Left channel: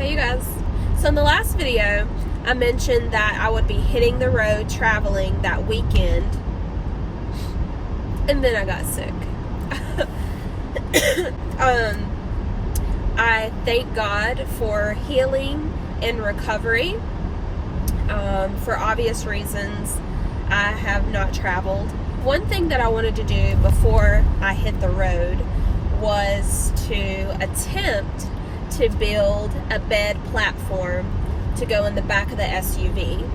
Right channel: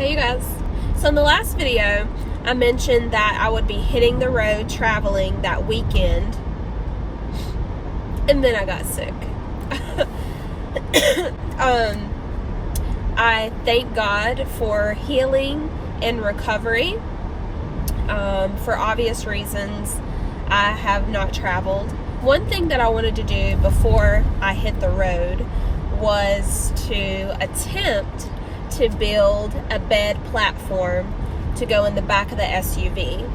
Hey you guys. So in the last video, I mentioned that I would be hitting the road traveling that weekend, and then I got sick. I thank God for healing and recovery. For obvious reasons, I have not traveled. One thing that I wanted to do before I hit the road was to attempt to build a bed platform to go in the back of the SUV.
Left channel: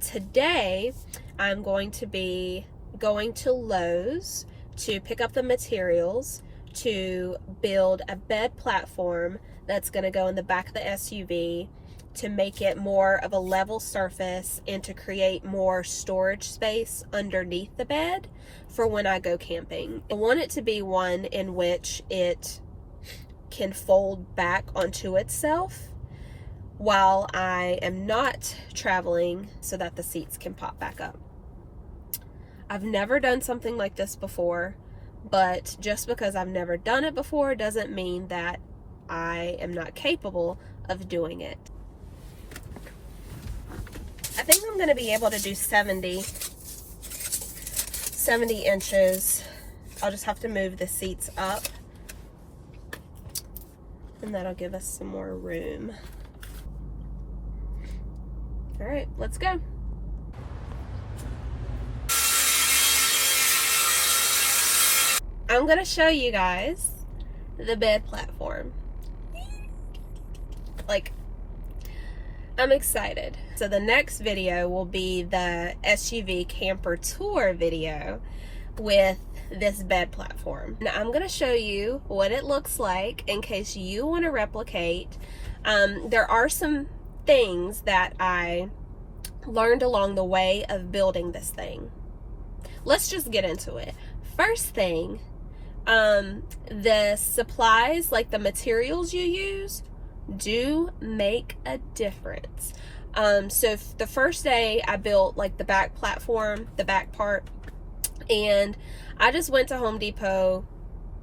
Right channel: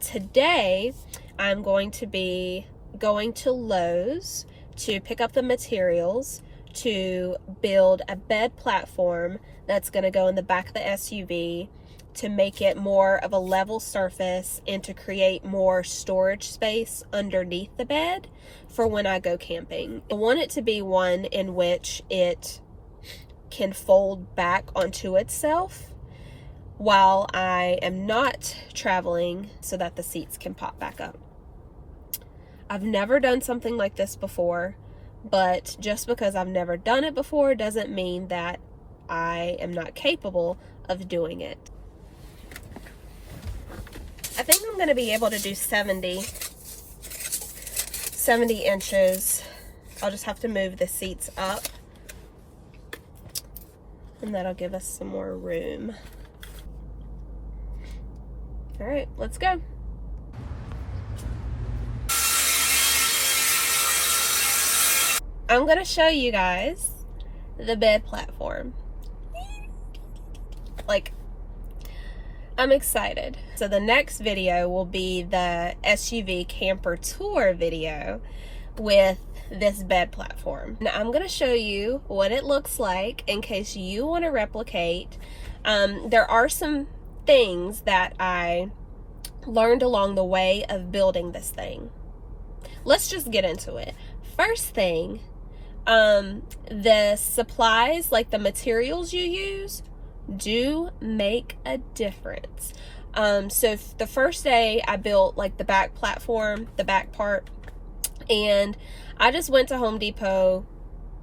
Today, I'm going to be going to Lowe's to pick up the materials to build a bed platform that's going to go in the back of the SUV to make it more of a level surface and to create more storage space underneath the bed for when I go camping. I want it to be one in which it can fold back onto itself while I am not traveling, so that the seats can pop back up. I've never done something like this before, but just because I've never done it before doesn't mean that I am not capable of doing it. I think I'm going to be able to do 70 inches. I'll just have to move the seats up, and that'll give us some more room. All right, let's go. I'm going to show you guys the bed platform. Like, I'm excited. So the next video will be the SUV camper tour video with this bed platform. Now I'm going to show you what it looks like in case you want to replicate. There are some things that I learned along the way of building this thing. Let's just get into it. First thing, the supplies, like the materials you use, do make a difference. So the first day I built like the back platform, the back part, and I just went to Home Depot,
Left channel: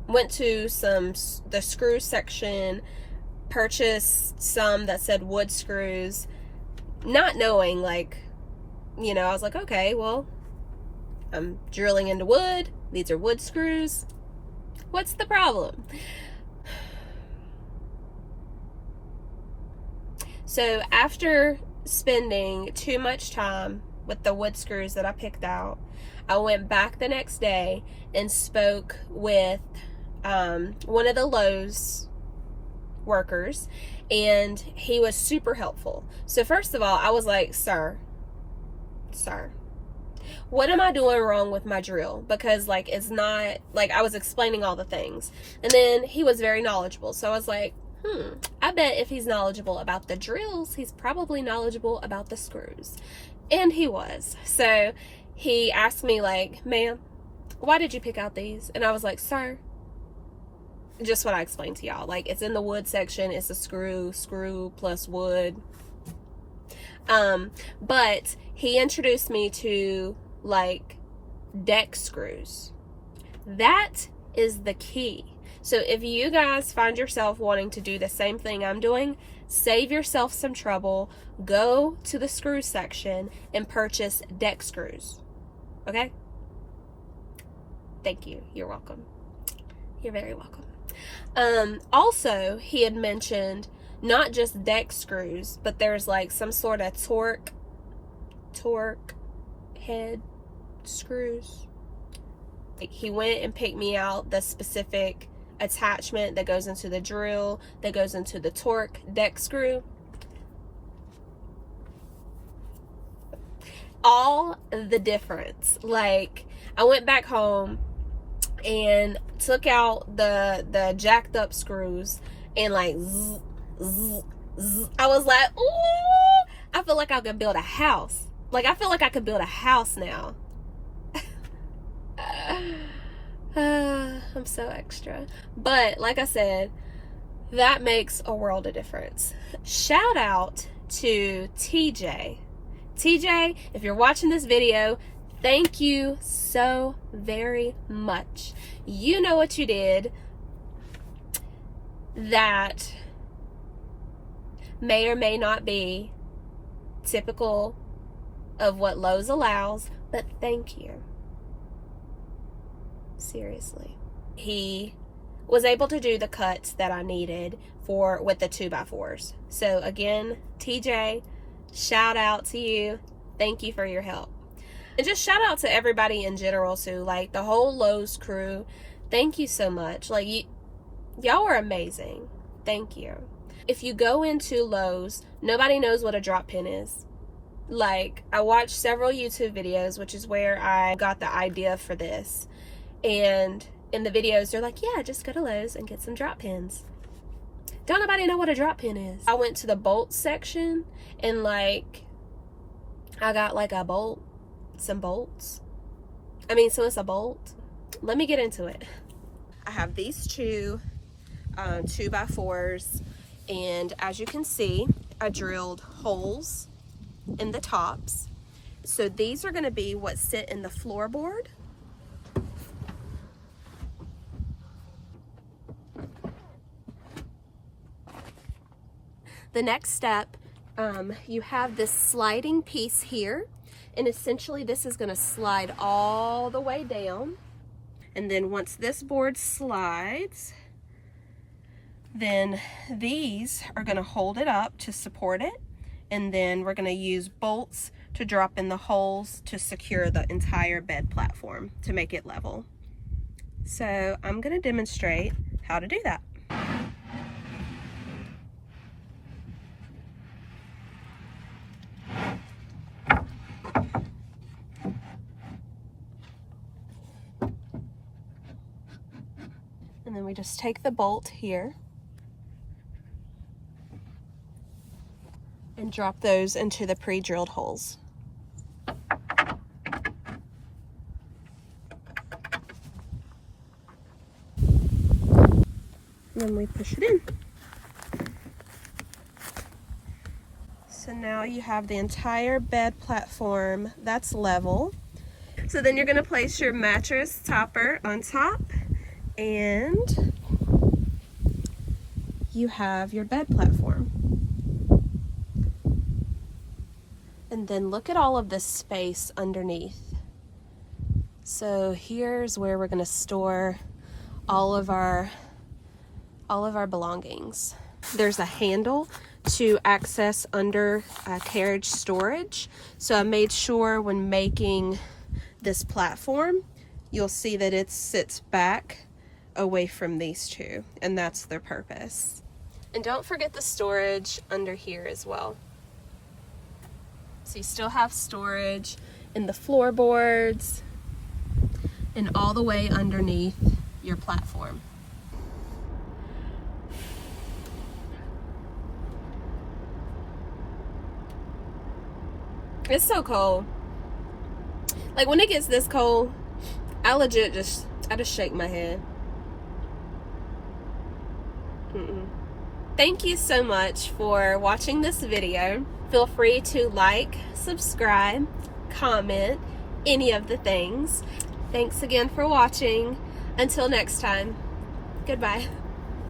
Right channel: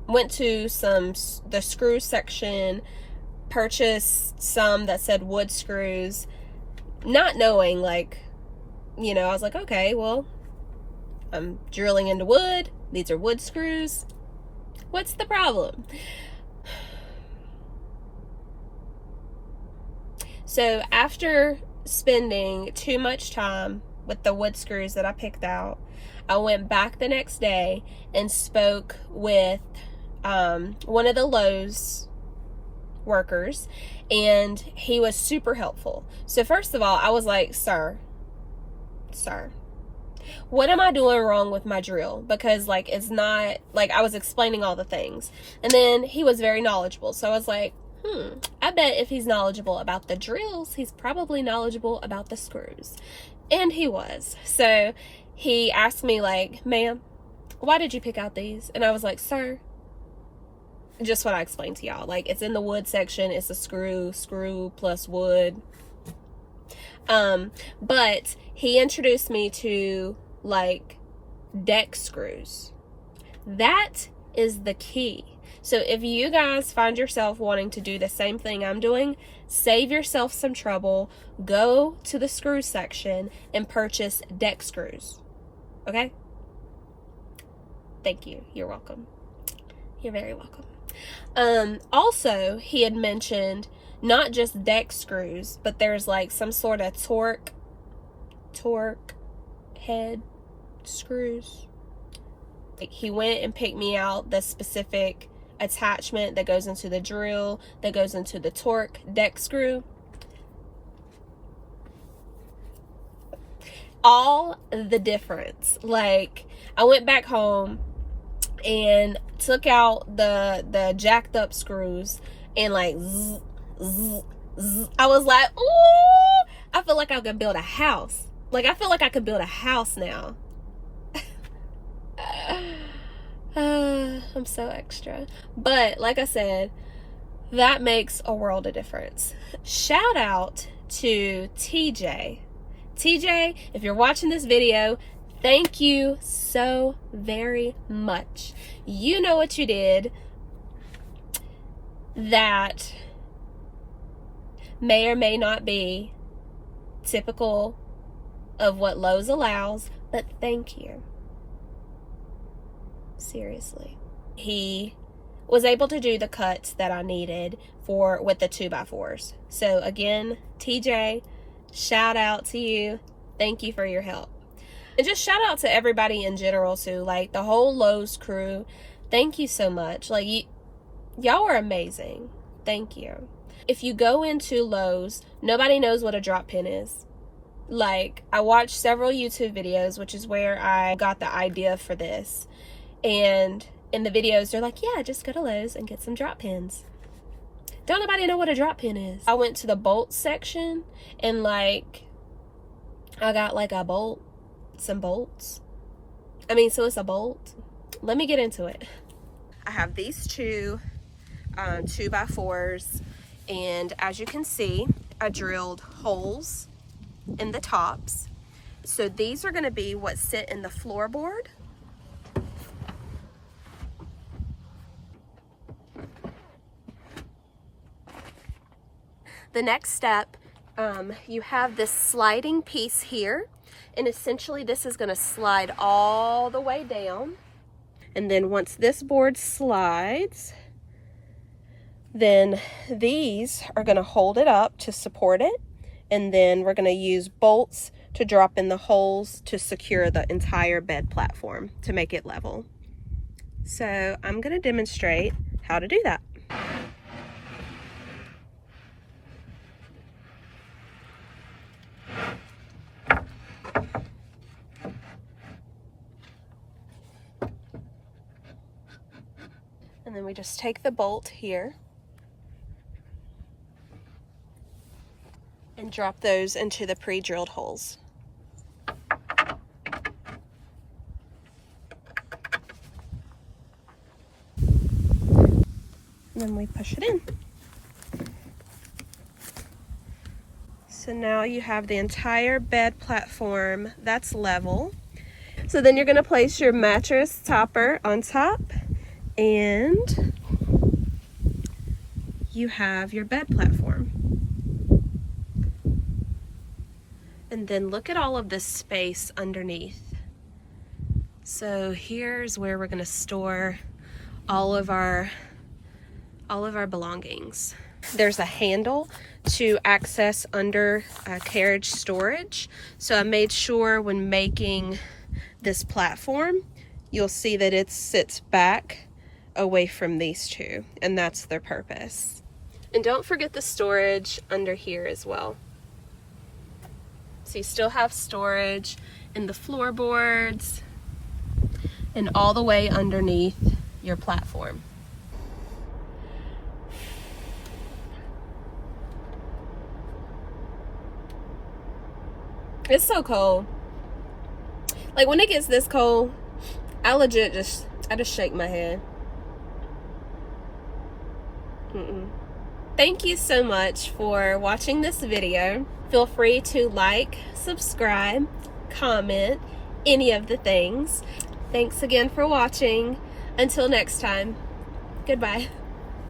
went to the screw section, purchased some that said wood screws, not knowing, like, you know, I was like, okay, well, I'm drilling into wood. These are wood screws. What's the problem? So after spending too much time with the wood screws that I picked out, I went back the next day and spoke with one of the Lowe's workers, and he was super helpful. So first of all, I was like, sir, what am I doing wrong with my drill? Because, like, it's not, like, I was explaining all the things. And then he was very knowledgeable. So I was like, I bet if he's knowledgeable about the drills, he's probably knowledgeable about the screws. And he was. So he asked me, like, ma'am, why did you pick out these? And I was like, sir, just what I explained to y'all. Like, it's in the wood section. It's a screw plus wood. But he introduced me to, like, deck screws. That is the key. So if you guys find yourself wanting to do the same thing I'm doing, save yourself some trouble, go to the screw section and purchase deck screws. Okay? Thank you. You're welcome. You're very welcome. Also, he had mentioned not just deck screws, but there's like some sort of torque head screws. Like, he went and picked me out the specific attachment that goes into the drill, that goes into the torque deck screw. All the difference. Like, I went back home and took out the jacked up screws and, like, I was like, ooh, I feel like I could build a house. Like, I feel like I could build a house now. I'm so extra. But like I said, that makes a world of difference. Shout out to TJ. TJ, if you're watching this video, thank you so very much. You know what you did that may or may not be typical of what Lowe's allows, but thank you. Seriously. He was able to do the cuts that I needed with the 2x4s. So again, TJ, shout out to you. Thank you for your help. And just shout out to everybody in general too, like the whole Lowe's crew. Thank you so much. Like, y'all are amazing. Thank you. If you go into Lowe's, nobody knows what a drop pin is. Like, I watched several YouTube videos, which is where I got the idea for this. And in the videos, they're like, yeah, just go to Lowe's and get some drop pins. Don't nobody know what a drop pin is. I went to the bolt section and like, I got like a bolt, some bolts. So it's a bolt. Let me get into it. I have these two 2x4s, and as you can see, I drilled holes in the tops. So these are gonna be what sit in the floorboard. The next step, you have this sliding piece here, and essentially this is gonna slide all the way down. And then once this board slides, then these are gonna hold it up to support it. And then we're gonna use bolts to drop in the holes to secure the entire bed platform to make it level. So I'm gonna demonstrate how to do that. And then we just take the bolt here and drop those into the pre-drilled holes. And then we push it in. So now you have the entire bed platform that's level. So then you're gonna place your mattress topper on top, and you have your bed platform. And then look at all of this space underneath. So here's where we're gonna store all of our belongings. There's a handle to access under carriage storage. So I made sure when making this platform, you'll see that it sits back away from these two, and that's their purpose. And don't forget the storage under here as well. So you still have storage in the floorboards and all the way underneath your platform. It's so cold. Like when it gets this cold, I just shake my head. Thank you so much for watching this video. Feel free to like, subscribe, comment, any of the things. Thanks again for watching. Until next time, goodbye.